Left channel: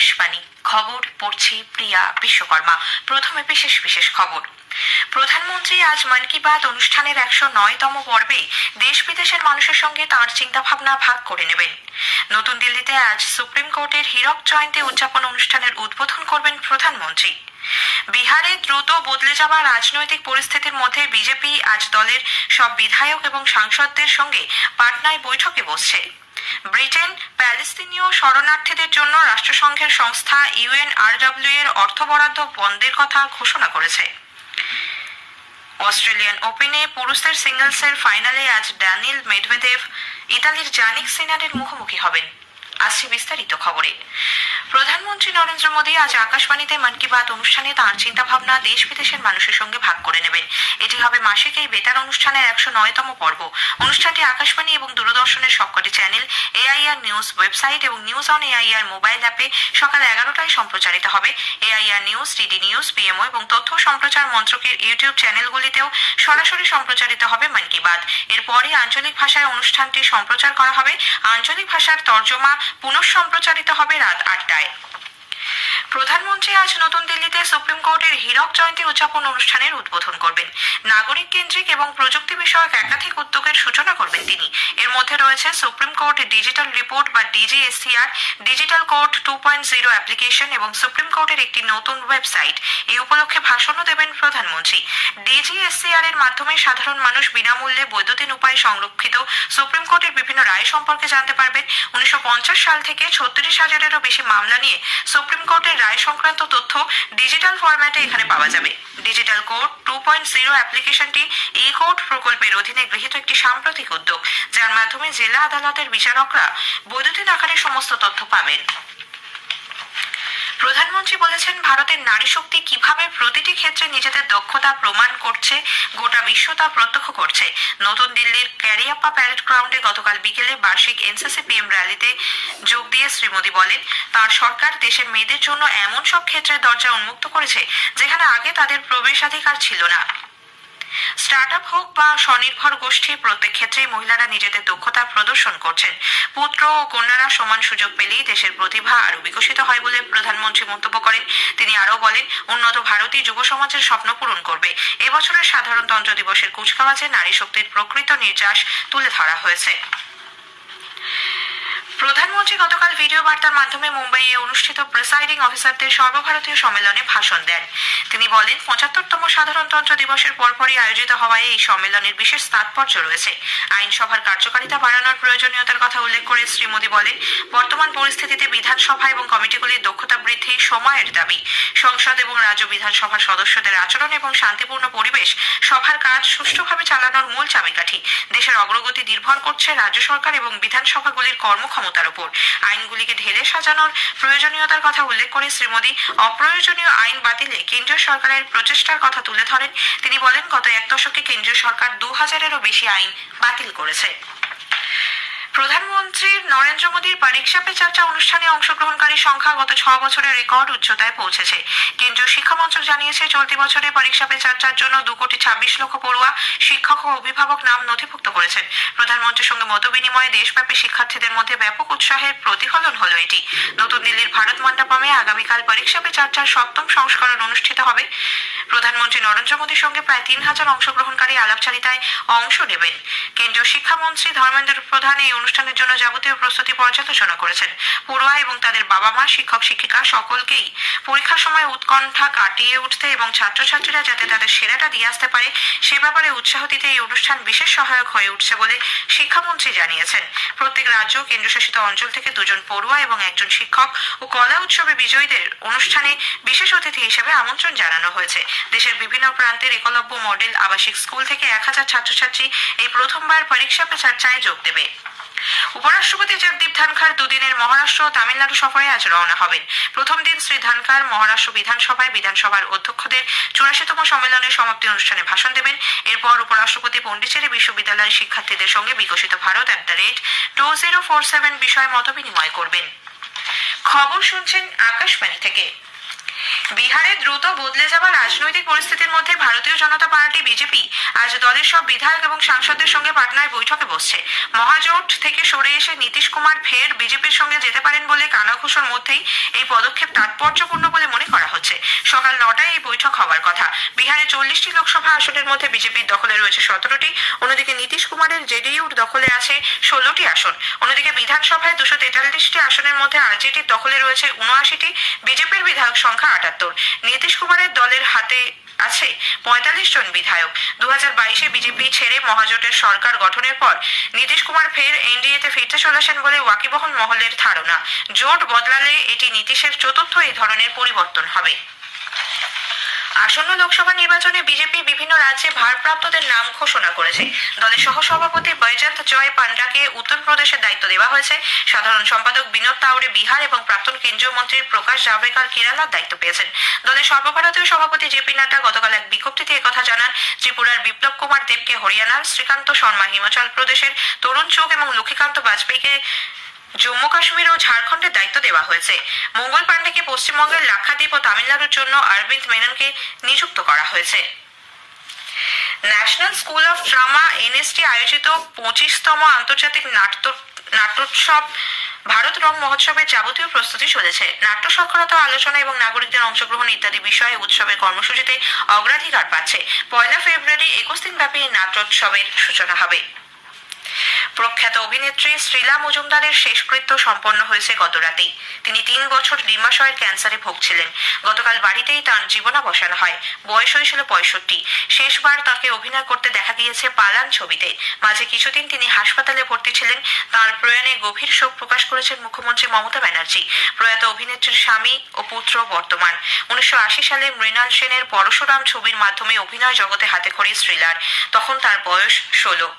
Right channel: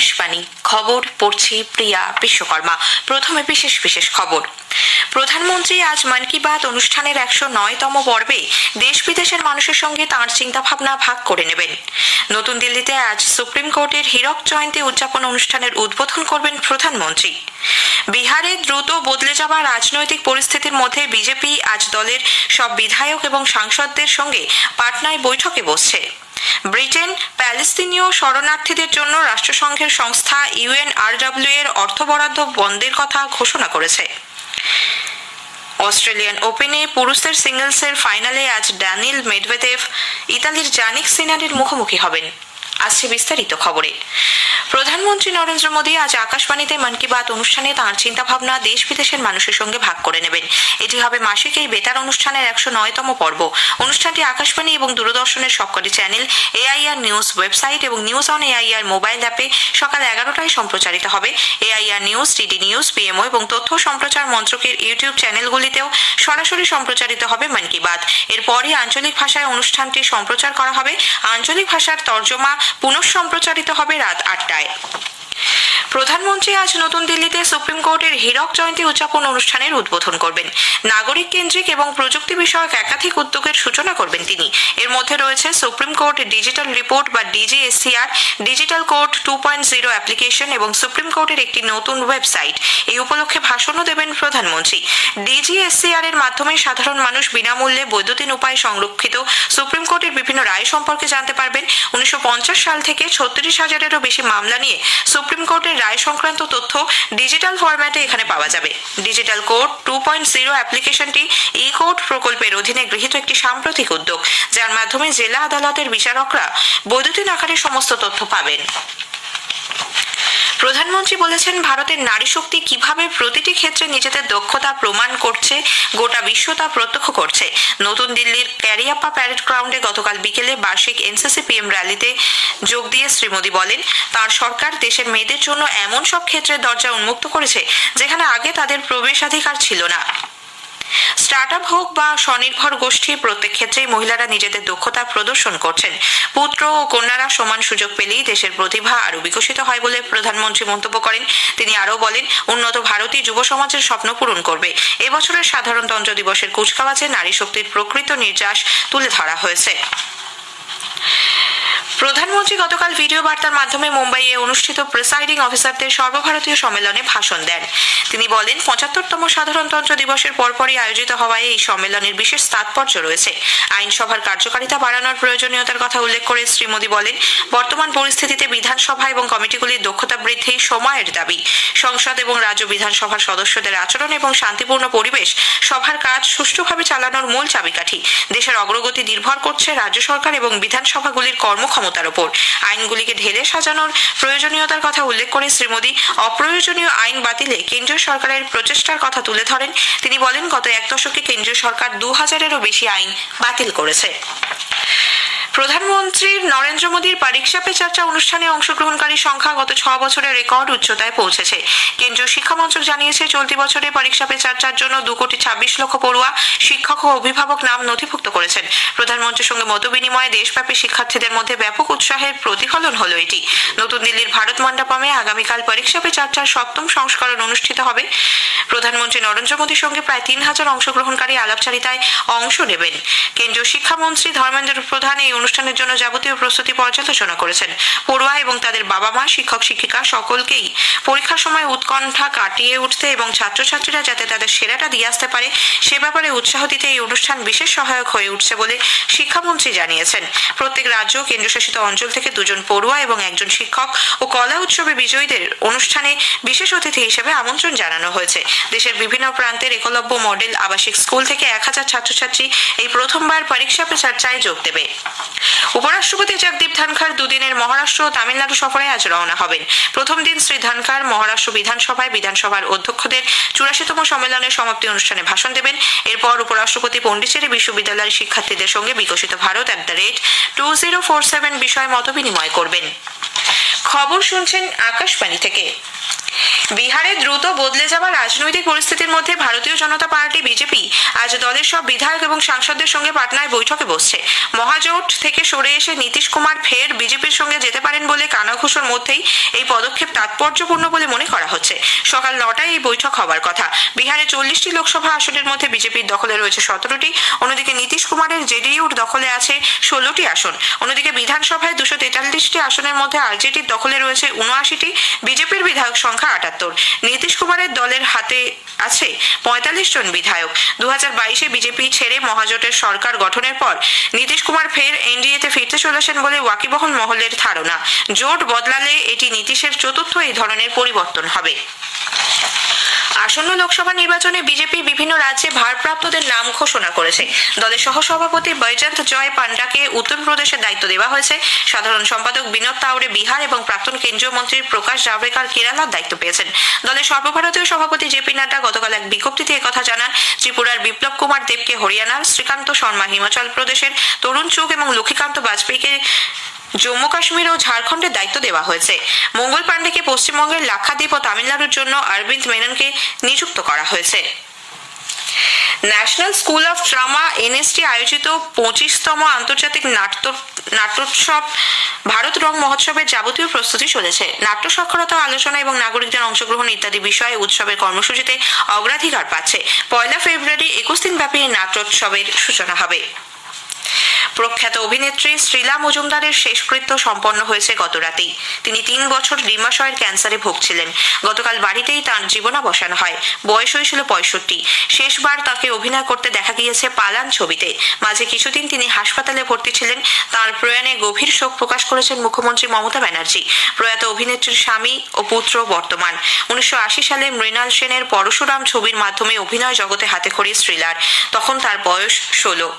আকাশবাণী খবর পড়ছি প্রিয়া বিশ্বকর্মা। প্রথমে বিশেষ খবর। প্রধানমন্ত্রী আজ মন কি বাত অনুষ্ঠানের 109তম পর্বে দেশ বিদেশের মানুষের সঙ্গে তাঁর চিন্তাভাবনা ভাগ করে নেবেন। নতুন দিল্লিতে আজ সুপ্রিম কোর্টের হীরক জয়ন্তী উদযাপন অনুষ্ঠানের উদ্বোধন করবেন প্রধানমন্ত্রী। বিহারে দ্রুত বদলে যাওয়া রাজনৈতিক পরিস্থিতির মধ্যে বিজেপি আজ দলের সব বিধায়ক এবং সাংসদদের সঙ্গে পাটনায় বৈঠকে বসছে। ব্রিটেন প্যালেস্তিনীয় শরণার্থীদের জন্য রাষ্ট্রসংঘের সংস্থা UNRWA এর অর্থ বরাদ্দ বন্ধের কথা ঘোষণা করেছে। অস্ট্রেলিয়ান ওপেনে পুরুষদের সিঙ্গলসের ফাইনালে আজ ড্যানিল মেডভেদেভ ইতালির জানিক সিনারের মুখোমুখি হবেন। আসছে বিস্তারিত খবরে। প্রধানমন্ত্রী নরেন্দ্র মোদী আজ আকাশবাণীতে মন কি বাত অনুষ্ঠানে তাঁর চিন্তাভাবনা দেশ বিদেশের মানুষের সঙ্গে ভাগ করে নেবেন। এটি হবে মাসিক এই বেতার অনুষ্ঠানের 109তম পর্ব। অনুষ্ঠানটি আকাশবাণী এবং দূরদর্শনের সবকটি চ্যানেল, AIR নিউজ ওয়েবসাইট এবং নিউজ অন AIR মোবাইল অ্যাপে সকাল 11টায় সম্প্রচারিত হবে। AIR news, DD news, PMO এবং তথ্য সম্প্রচার মন্ত্রকের ইউটিউব চ্যানেলগুলিতেও সরাসরি সম্প্রচারিত হবে মন কি বাত। এরপরই আঞ্চলিক ভাষায় অনুষ্ঠানটি সম্প্রচার করা হবে। আঞ্চলিক ভাষার তর্জমা পুনঃ সম্প্রচারিত হবে রাত 8টায়। প্রধানমন্ত্রী আজ নতুন দিল্লিতে সুপ্রিম কোর্টের হীরক জয়ন্তী উদযাপন অনুষ্ঠানের উদ্বোধন করবেন। নাগরিক কেন্দ্রিক এবং প্রযুক্তি বিষয়ক একাধিক উদ্যোগের সূচনা করবেন তিনি। এর মধ্যে রয়েছে সুপ্রিম কোর্ট ডিজিটাল রিপোর্ট বা DGSCR, ডিজিটাল কোর্ট 2.0 অ্যাপ্লিকেশন এবং সুপ্রিম কোর্টের একটি নতুন ওয়েবসাইট। এই উপলক্ষে ভাষণও দেবেন প্রধানমন্ত্রী। DGSCR এর মাধ্যমে সাধারণ মানুষ বিনামূল্যে বৈদ্যুতিন উপায়ে সংরক্ষিত সুপ্রিম কোর্টের বিভিন্ন রায় সম্পর্কে জানতে পারবেন। 1950 সাল থেকে 36,000-এরও বেশি মামলা নিয়ে সুপ্রিম কোর্টের রায় সংক্রান্ত তথ্য ডিজিটাল ফরম্যাটে এখানে পাওয়া যাবে। ডিজিটাল কোর্ট 2.0 অ্যাপ্লিকেশনটি ই-কোর্ট প্রকল্পের অধীনে গৃহীত একটি সাম্প্রতিক উদ্যোগ, যার মাধ্যমে জেলা আদালতের বিচারকরা বৈদ্যুতিন আকারে সমস্ত তথ্য পাবেন। প্রধানমন্ত্রী বলেছেন, ভারতের নারী শক্তি কিভাবে প্রতিটি ক্ষেত্রে নিজেদের দক্ষতা প্রমাণ করছে, গোটা বিশ্ব তা প্রত্যক্ষ করছে। নতুন দিল্লির ক্যারিয়াপ্পা প্যারেড গ্রাউন্ডে গতকাল বিকেলে বার্ষিক NCC PM র্যালিতে যোগ দিয়ে শ্রী মোদী বলেন, তাঁর সরকার দেশের মেয়েদের জন্য এমন সব ক্ষেত্রে দরজা উন্মুক্ত করেছে যেখানে আগে তাদের প্রবেশাধিকার ছিল না। স্টার্টআপ হোক বা স্বনির্ভর গোষ্ঠী, প্রত্যেক ক্ষেত্রেই মহিলারা নিজেদের দক্ষতা প্রদর্শন করছেন। পুত্র ও কন্যারা সমান সুযোগ পেলেই দেশের প্রতিভা আরও বিকশিত হয় বলে প্রধানমন্ত্রী মন্তব্য করেন। তিনি আরও বলেন, উন্নত ভারতই যুব সমাজের স্বপ্ন পূরণ করবে। এবছরের সাধারণতন্ত্র দিবসের কুচকাওয়াজে নারী শক্তির প্রকৃত নির্যাস তুলে ধরা হয়েছে। প্রধানমন্ত্রী গতকাল ভিডিও বার্তার মাধ্যমে মুম্বাইয়ে অনুষ্ঠিত প্রিসাইডিং অফিসারদের সর্বভারতীয় সম্মেলনে ভাষণ দেন। তিনি বলেন, 75তম সাধারণতন্ত্র দিবসের পরপরই আয়োজিত হওয়ায় এই সম্মেলনের বিশেষ তাৎপর্য রয়েছে। আইনসভার কার্যকারিতা বাড়ানোর প্রয়োজনীয়তার কথা উল্লেখ করে শ্রী মোদী বলেন, বর্তমান পরিস্থিতিতে বিধানসভা এবং কমিটিগুলির দক্ষতা বৃদ্ধি সময়ের দাবি। সংসদ এবং রাজ্য বিধানসভার সদস্যদের আচরণ এবং শান্তিপূর্ণ পরিবেশ সভার কাজ সুষ্ঠুভাবে চালানোর মূল চাবিকাঠি। দেশের অগ্রগতি নির্ভর করছে রাজ্য সরকার এবং বিধানসভাগুলির কর্মক্ষমতার উপর। আইনগুলিকে ঢেলে সাজানোর প্রয়োজনীয়তার কথা উল্লেখ করে শ্রী মোদী অপ্রয়োজনীয় আইন বাতিলে কেন্দ্রীয় সরকারের প্রচেষ্টার কথা তুলে ধরেন। তিনি বলেন, গত এক দশকে কেন্দ্রীয় সরকার 2000-এরও বেশি আইন বাতিল করেছে। প্রধানমন্ত্রী নরেন্দ্র মোদীর পরীক্ষা পে চর্চা অনুষ্ঠানে অংশগ্রহণকারীর সংখ্যা গত 6 বছরে রেকর্ড উচ্চতায় পৌঁছেছে। কেন্দ্রীয় শিক্ষা মন্ত্রক জানিয়েছে, চলতি বছরে পরীক্ষা পে চর্চার জন্য 2,26,00,000 পড়ুয়া, শিক্ষক ও অভিভাবক নাম নথিভুক্ত করেছেন। প্রধানমন্ত্রীর সঙ্গে মত বিনিময়ে দেশব্যাপী শিক্ষার্থীদের মধ্যে ব্যাপক উৎসাহের প্রতিফলন হলো এটি। নতুন দিল্লির ভারত মণ্ডপমে আগামীকাল পরীক্ষা পে চর্চার 7ম সংস্করণ অনুষ্ঠিত হবে। প্রধানমন্ত্রী নরেন্দ্র মোদীর সঙ্গে প্রায় 3,000 অংশগ্রহণকারী আলাপচারিতায় অংশ নেবেন। কেন্দ্রীয় শিক্ষামন্ত্রী ধর্মেন্দ্র প্রধান এই অনুষ্ঠানের জন্য যাবতীয় প্রস্তুতি পর্যালোচনা করেছেন। পড়ুয়া এবং তাদের বাবা মা, শিক্ষক শিক্ষিকা সকলকেই পরীক্ষার সময় উৎকণ্ঠা কাটিয়ে উঠতে এবং ছাত্রছাত্রীরা যাতে তাদের সেরাটা দিয়ে আসতে পারে সে ব্যাপারে উৎসাহ দিতে এই অনুষ্ঠান বিশেষ সহায়ক হয়ে উঠছে বলে শিক্ষামন্ত্রী জানিয়েছেন। প্রত্যেক রাজ্য কেন্দ্রশাসিত অঞ্চল থেকে 2 জন পড়ুয়া এবং 1 জন শিক্ষক ও কলা উৎসবে বিজয়ীদের অনুষ্ঠানে বিশেষ অতিথি হিসেবে আমন্ত্রণ জানানো হয়েছে। দেশের বিভিন্ন প্রান্তের একলব্য মডেল আবাসিক স্কুল থেকে 1000 ছাত্রছাত্রী এই প্রথমবার পরীক্ষা পে চর্চায় যোগ দেবে। উপরাষ্ট্রপতি জগদীপ ধনখড় 2 দিনের মহারাষ্ট্র ও তামিলনাড়ু সফরে আজ রওনা হবেন। প্রথম দিন শ্রী ধনখড় মহারাষ্ট্র বিধানসভায় বিধানসভার অধ্যক্ষদের 84তম সম্মেলনের সমাপ্তি অনুষ্ঠানে ভাষণ দেবেন। এরপর উপরাষ্ট্রপতি পণ্ডিচেরি বিশ্ববিদ্যালয়ের শিক্ষার্থীদের সঙ্গে বিকশিত ভারত @2047 বিষয়ে মত বিনিময় করবেন। খবর শুনছেন আকাশবাণী থেকে। বিহারে দ্রুত বদলে যাওয়া রাজনৈতিক পরিস্থিতির মধ্যে ভারতীয় জনতা পার্টি বিজেপি আজ দলের সব বিধায়ক এবং সাংসদদের সঙ্গে পাটনায় বৈঠকে বসছে। মহাজোট থেকে সরে এসে নীতিশ কুমার ফের বিজেপির সঙ্গে যেতে পারেন বলে কানাঘুষোর মধ্যেই এই পদক্ষেপ তাৎপর্যপূর্ণ বলে মনে করা হচ্ছে। সকাল 9টায় এই বৈঠক হওয়ার কথা। বিহারে 40টি লোকসভা আসনের মধ্যে বিজেপির দখলে রয়েছে 17টি, অন্যদিকে নীতিশ কুমারের জেডিইউর দখলে আছে 16টি আসন। অন্যদিকে বিধানসভায় 243টি আসনের মধ্যে আরজেডির দখলে রয়েছে 79টি, বিজেপির বিধায়ক সংখ্যা 78। নীতিশ কুমারের দলের হাতে আছে 45 জন বিধায়ক। 2022-এ বিজেপি ছেড়ে মহাজোটের সরকার গঠনের পর নীতিশ কুমার ফের এনডিএতে ফিরতে চলেছেন বলে ওয়াকিবহল মহলের ধারণা। জোট বদলালে এটি নীতিশের চতুর্থ এই ধরনের পরিবর্তন হবে। আসন্ন লোকসভা নির্বাচনে বিজেপি বিভিন্ন রাজ্যে ভারপ্রাপ্তদের নাম ঘোষণা করেছে। দলের সহসভাপতি বৈজয়ন্ত জয় পান্ডাকে উত্তরপ্রদেশের দায়িত্ব দেওয়া হয়েছে। সাধারণ সম্পাদক বিনোদ তাওরে বিহার এবং প্রাক্তন কেন্দ্রীয় মন্ত্রী প্রকাশ জাভড়েকর কেরালার দায়িত্ব পেয়েছেন। দলের সর্বভারতীয় সভাপতি জেপি নাড্ডা গতকাল এক বিজ্ঞপ্তিতে একথা জানান। ত্রিপুরার বিপ্লব কুমার দেবকে হরিয়ানার, শ্রীকান্ত শর্মা হিমাচল প্রদেশের, তরুণ চুগ এবং লক্ষ্মীকান্ত বাজপেয়ীকে জম্মু কাশ্মীর ও ঝাড়খণ্ডের দায়িত্ব দেওয়া হয়েছে। মঙ্গল পাণ্ডেকে পশ্চিমবঙ্গের লাক্ষাদ্বীপ ও তামিলনাড়ুর জন্য অরবিন্দ মেননকে নিযুক্ত করা হয়েছে। National school of drama NST আয়োজিত 25তম আন্তর্জাতিক নাট্যোৎসব ভারত রং মহোৎসবের যাবতীয় প্রস্তুতি চলেছে। নাট্য সাক্ষরতা, আলোচনা এবং নাগরিকদের অংশগ্রহণ ইত্যাদি বিষয়ে উৎসবের কর্মসূচিতে অগ্রাধিকার পাচ্ছে। 1 ফেব্রুয়ারি 21 দিনব্যাপী নাট্যোৎসবের সূচনা হবে। প্রখ্যাত অভিনেত্রী শ্রীলা মজুমদারের শেষকৃত্য সম্পন্ন হয়েছে গত রাতেই। তিনি 3 বছর ডিম্বাশয়ের ক্যান্সারে ভুগছিলেন। গতকাল বাড়িতেই তাঁর জীবনাবসান হয়। বয়স হয়েছিল 65। শেষবার তাকে অভিনয় করতে দেখা গিয়েছে পালান ছবিতে। মাঝে কিছুদিন তিনি হাসপাতালে ভর্তি ছিলেন। তাঁর প্রয়াণে গভীর শোক প্রকাশ করেছেন মুখ্যমন্ত্রী মমতা ব্যানার্জি। প্রয়াত অভিনেত্রীর স্বামী ও পুত্র বর্তমান। 1980 সালে মৃণাল সেনের পরশুরাম ছবির মাধ্যমে অভিনয় জগতে হাতেখড়ি শ্রীলার। তখন তার বয়স 16।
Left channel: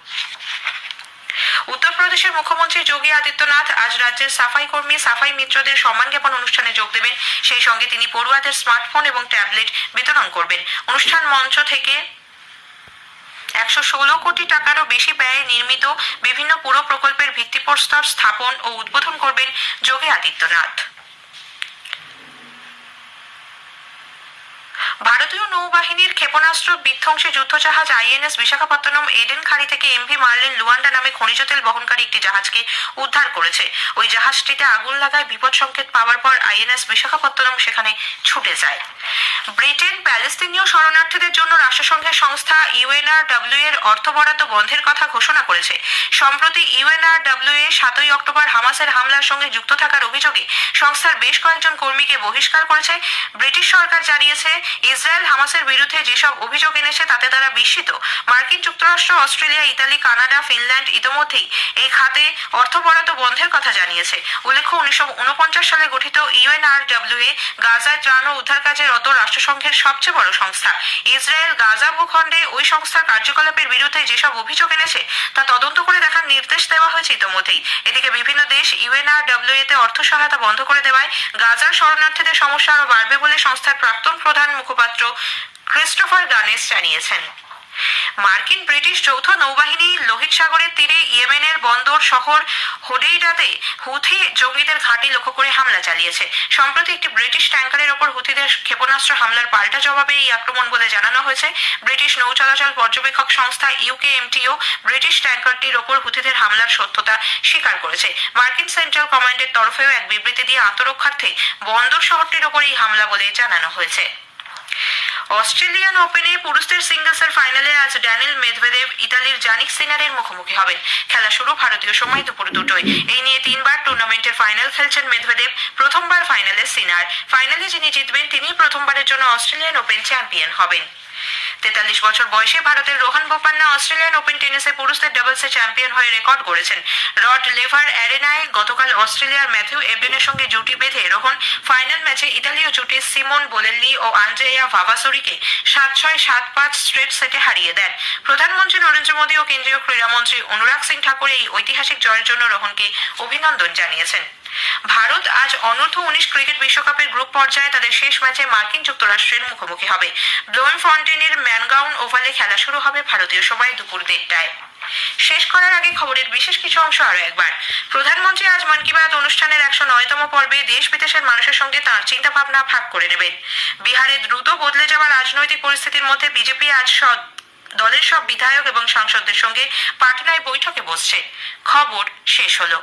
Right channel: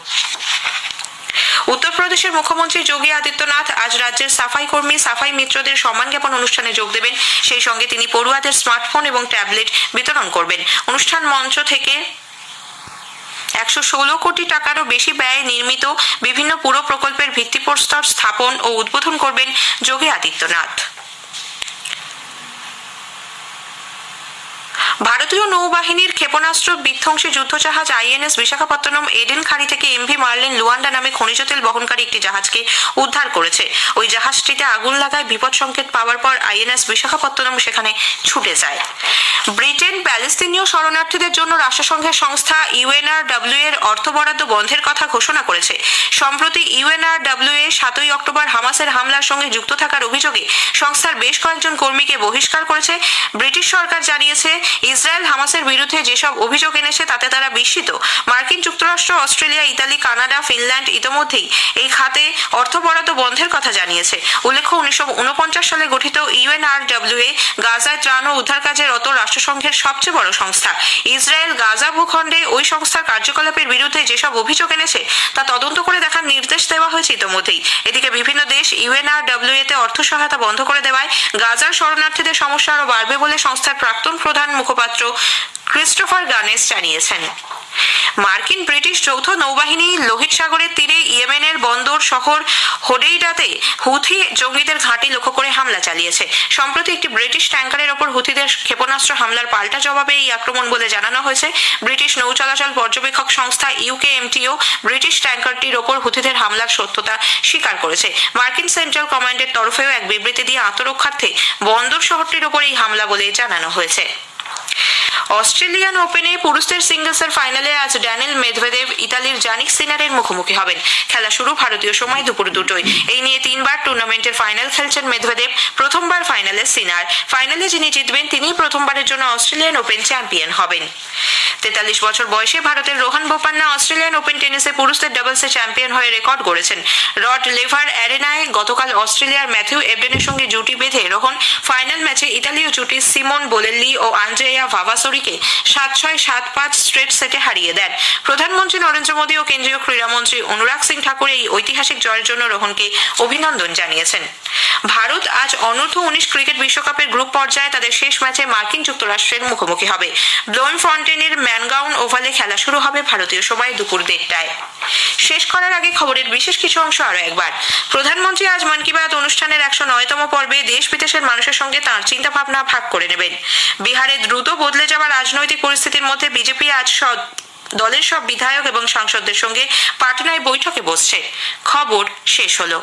উত্তরপ্রদেশের মুখ্যমন্ত্রী যোগী আদিত্যনাথ আজ রাজ্যের সাফাই কর্মী, সাফাই মিত্রদের সম্মান জ্ঞাপন অনুষ্ঠানে যোগ দেবেন। সেই সঙ্গে তিনি পড়ুয়াদের স্মার্টফোন এবং ট্যাবলেট বিতরণ করবেন। অনুষ্ঠান মঞ্চ থেকে 116 কোটি টাকারও বেশি ব্যয়ে নির্মিত বিভিন্ন পুর প্রকল্পের ভিত্তিপ্রস্তর স্থাপন ও উদ্বোধন করবেন যোগী আদিত্যনাথ। ভারতীয় নৌবাহিনীর ক্ষেপণাস্ত্র বিধ্বংসী যুদ্ধজাহাজ আইএনএস বিশাখাপত্তনম এডেন খাড়ি থেকে এমভি মার্লিন লুয়ান্ডা নামে খনিজ তেল বহনকারী একটি জাহাজকে উদ্ধার করেছে। ওই জাহাজটিতে আগুন লাগায় বিপদ সংকেত পাওয়ার পর আইএনএস বিশাখাপত্তনম সেখানে ছুটে যায়। ব্রিটেন প্যালেস্তিনীয় শরণার্থীদের জন্য রাষ্ট্রসংঘের সংস্থা ইউএনআরডব্লিউ এর অর্থ বরাদ্দ বন্ধের কথা ঘোষণা করেছে। সম্প্রতি ইউএনআরডব্লিউ 7 অক্টোবর হামাসের হামলার সঙ্গে যুক্ত থাকার অভিযোগে সংস্থার বেশ কয়েকজন কর্মীকে বহিষ্কার করেছে। ব্রিটিশ সরকার জানিয়েছে, ইসরায়েল হামাসের বিরুদ্ধে যেসব অভিযোগ এনেছে তাতে তারা বিস্মিত। মার্কিন যুক্তরাষ্ট্র, অস্ট্রেলিয়া, ইতালি, কানাডা, ফিনল্যান্ড ইতোমধ্যেই এই খাতে অর্থ বরাদ্দ বন্ধের কথা জানিয়েছে। উল্লেখ্য, 1949 সালে গঠিত ইউএনআরডব্লিউ গাজায় ত্রাণ ও উদ্ধার কাজে রত রাষ্ট্রসংঘের সবচেয়ে বড় সংস্থা। ইসরায়েল গাজা ভূখণ্ডে ওই সংস্থার কার্যকলাপের বিরুদ্ধে যেসব অভিযোগ এনেছে তা তদন্ত করে দেখার নির্দেশ দেওয়া হয়েছে ইতোমধ্যেই। এদিকে বিভিন্ন দেশ ইউএনআরডব্লিউ তে অর্থ সহায়তা বন্ধ করে দেওয়ায় গাজার শরণার্থীদের সমস্যা আরও বাড়বে বলে সংস্থার প্রাক্তন প্রধান মুখপাত্র ক্রিস্টোফার গানেস জানিয়েছেন। মার্কিন ব্রিটিশ যৌথ নৌবাহিনী লোহিত সাগরের তীরে ইয়েমেনের বন্দর শহর হোডেইডাতে হুথি জঙ্গিদের ঘাঁটি লক্ষ্য করে হামলা চালিয়েছে। সম্প্রতি একটি ব্রিটিশ ট্যাঙ্কারের ওপর হুথিদের ক্ষেপণাস্ত্র হামলার পাল্টা জবাবে এই আক্রমণ বলে জানানো হয়েছে। ব্রিটিশ নৌ চলাচল পর্যবেক্ষক সংস্থা ইউকেএমটিও ব্রিটিশ ট্যাঙ্কারটির ওপর হুথিদের হামলার সত্যতা স্বীকার করেছে। মার্কিন সেন্ট্রাল কমান্ডের তরফেও এক বিবৃতি দিয়ে আত্মরক্ষার্থে বন্দর শহরটির ওপর এই হামলা বলে জানানো হয়েছে। অস্ট্রেলিয়ান ওপেনে পুরুষদের সিঙ্গলসের ফাইনালে আজ ড্যানিল মেদভেদেভ ইতালির জানিক সিনারের মুখোমুখি হবেন। খেলা শুরু ভারতীয় সময় দুপুর 2টোয়। এই নিয়ে 3বার টুর্নামেন্টের ফাইনাল খেলছেন মেদভেদেভ, প্রথমবার ফাইনালে সিনার। ফাইনালে যিনি জিতবেন তিনি প্রথমবারের জন্য অস্ট্রেলিয়ান ওপেন চ্যাম্পিয়ন হবেন। 43 বছর বয়সে ভারতের রোহন বোপান্না অস্ট্রেলিয়ান ওপেন টেনিসে পুরুষদের ডাবলসে চ্যাম্পিয়ন হয়ে রেকর্ড গড়েছেন। রড লেভার অ্যারেনায় গতকাল অস্ট্রেলিয়ার ম্যাথিউ এবডেনের সঙ্গে জুটি বেঁধে রোহন ফাইনাল ম্যাচে ইতালীয় জুটি সিমন বোলেল্লি ও আন্দ্রেয়া ভাভাসোরি কোহলিকে 7-6, 7-5 স্ট্রেট সেটে হারিয়ে দেন। প্রধানমন্ত্রী নরেন্দ্র মোদী ও কেন্দ্রীয় ক্রীড়ামন্ত্রী অনুরাগ সিং ঠাকুর এই ঐতিহাসিক জয়ের জন্য রোহনকে অভিনন্দন জানিয়েছেন। ভারত আজ অনূর্ধ্ব-19 ক্রিকেট বিশ্বকাপের গ্রুপ পর্যায়ে তাদের শেষ ম্যাচে মার্কিন যুক্তরাষ্ট্রের মুখোমুখি হবে। ব্লোমফন্টেনের ম্যানগাউন ওভালে খেলা শুরু হবে ভারতীয় সময় দুপুর 1:30টায়। শেষ করার আগে খবরের বিশেষ কিছু অংশ আরো একবার। প্রধানমন্ত্রী আজ মন কি বাত অনুষ্ঠানের 109তম পর্বে দেশ বিদেশের মানুষের সঙ্গে তাঁর চিন্তা ভাবনা ভাগ করে নেবেন। বিহারে দ্রুত বদলে যাওয়া রাজনৈতিক পরিস্থিতির মধ্যে বিজেপি আজ দলের সব বিধায়ক এবং সাংসদদের সঙ্গে পাটনায় বৈঠকে বসছে। খবর শেষ হলো।